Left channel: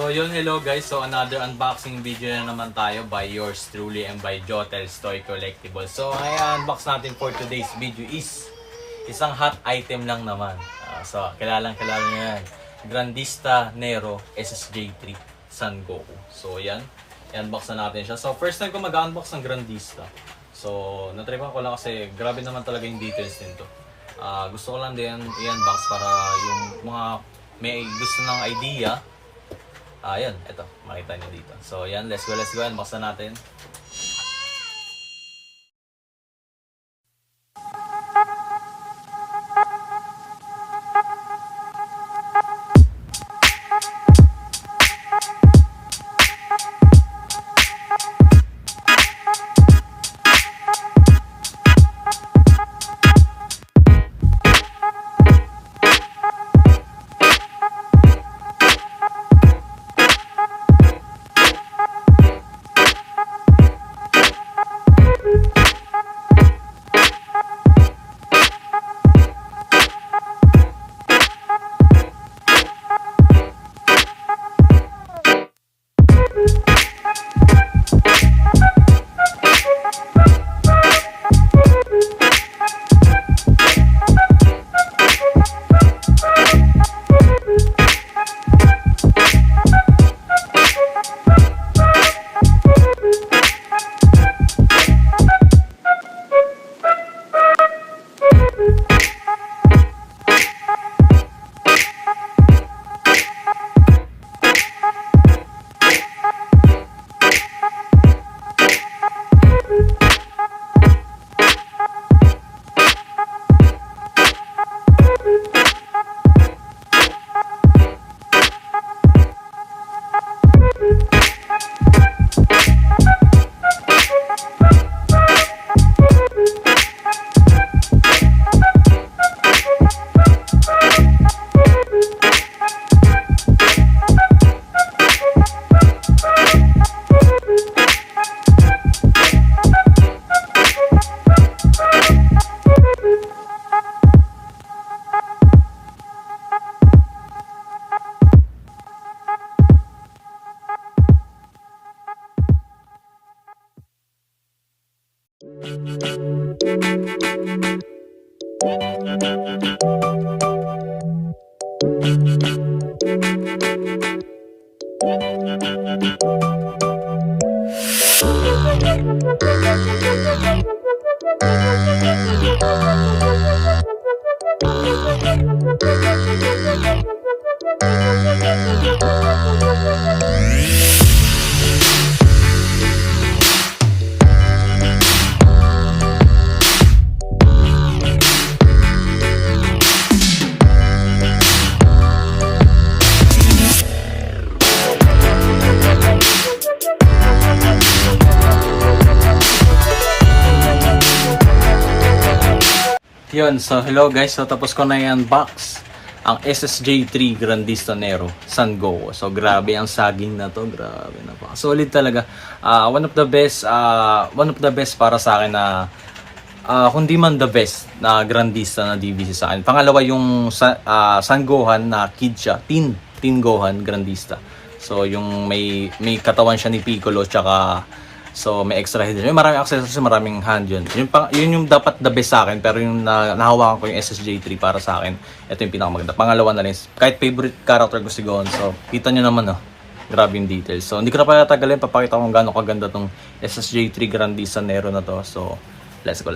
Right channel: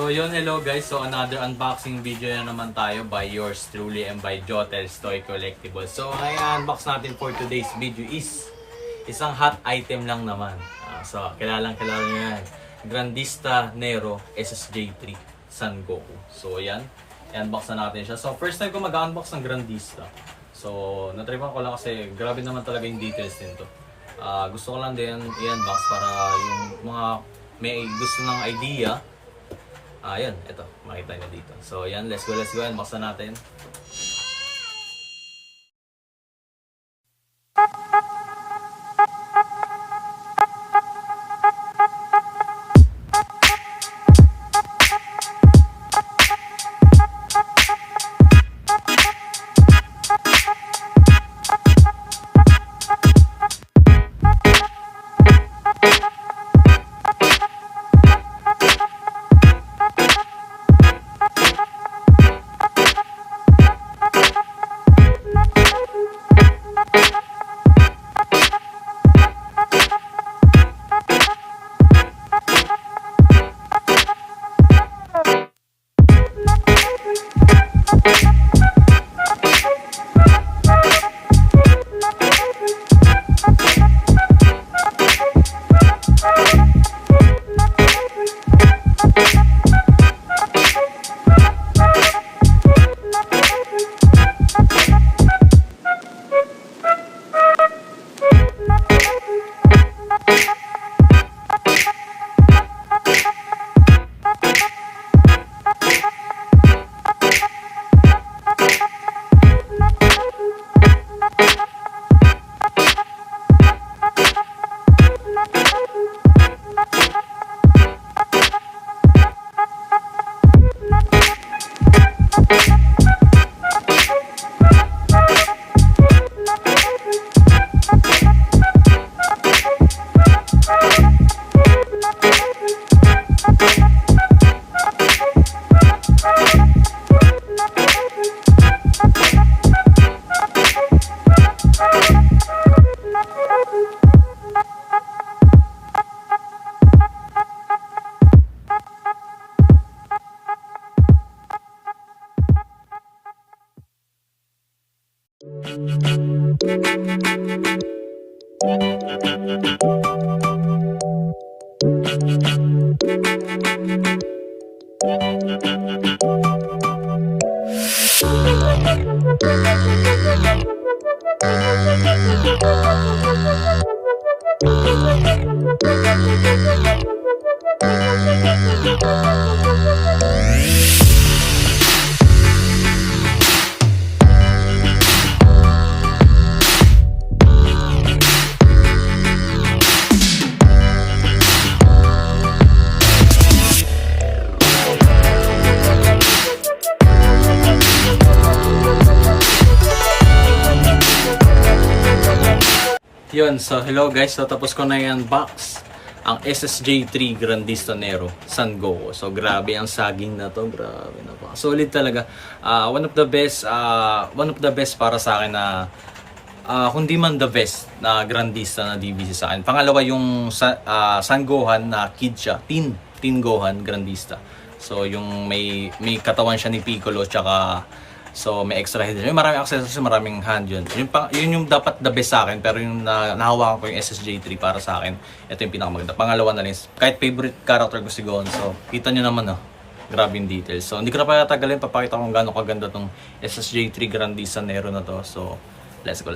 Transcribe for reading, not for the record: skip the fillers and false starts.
So yun, hello guys. So another unboxing video na naman tayo by yours truly and by Jotel's Toy Collectibles. So ang i-unbox natin for today's video is isang hot item lang naman. So kilalang nyo yan. Grandista Nero SSJ3 Son Goku. So yan, i-unbox na natin siya. So first time ko mag-unbox ng Grandista. So natripan ko lang kasi grabe naman talaga yung details nito. Gusto ko lang din i-unbox para yung mga may gusto ng idea. Ayan, ito, makita nyo dito. So, yan, let's go, unbox na natin. Yun, so hello guys, so tapos ko na i-unbox ang SSJ3 Grandista Nero Son Goku. So grabe ang saging na to, grabe na pa. Solid talaga. One of the best para sa akin na kundi man the best na Grandista na DBC sa akin. Pangalawa yung Son Gohan na kid siya, teen Gohan Grandista. So yung may katawan siya ni Piccolo tsaka so may extra head. Yung maraming accessories, maraming hand yun. Yun yung dapat the best sa akin, pero yung nahawakan ko yung SSJ3 para sa akin, ito yung pinakamaganda. Pangalawa na rin. Kahit favorite character ko si Gohan. So kita nyo naman, grabe yung details. So hindi ko na pa tagalin, papakita ko kung gaano kaganda tong SSJ3 Grandista Nero na to. So let's go.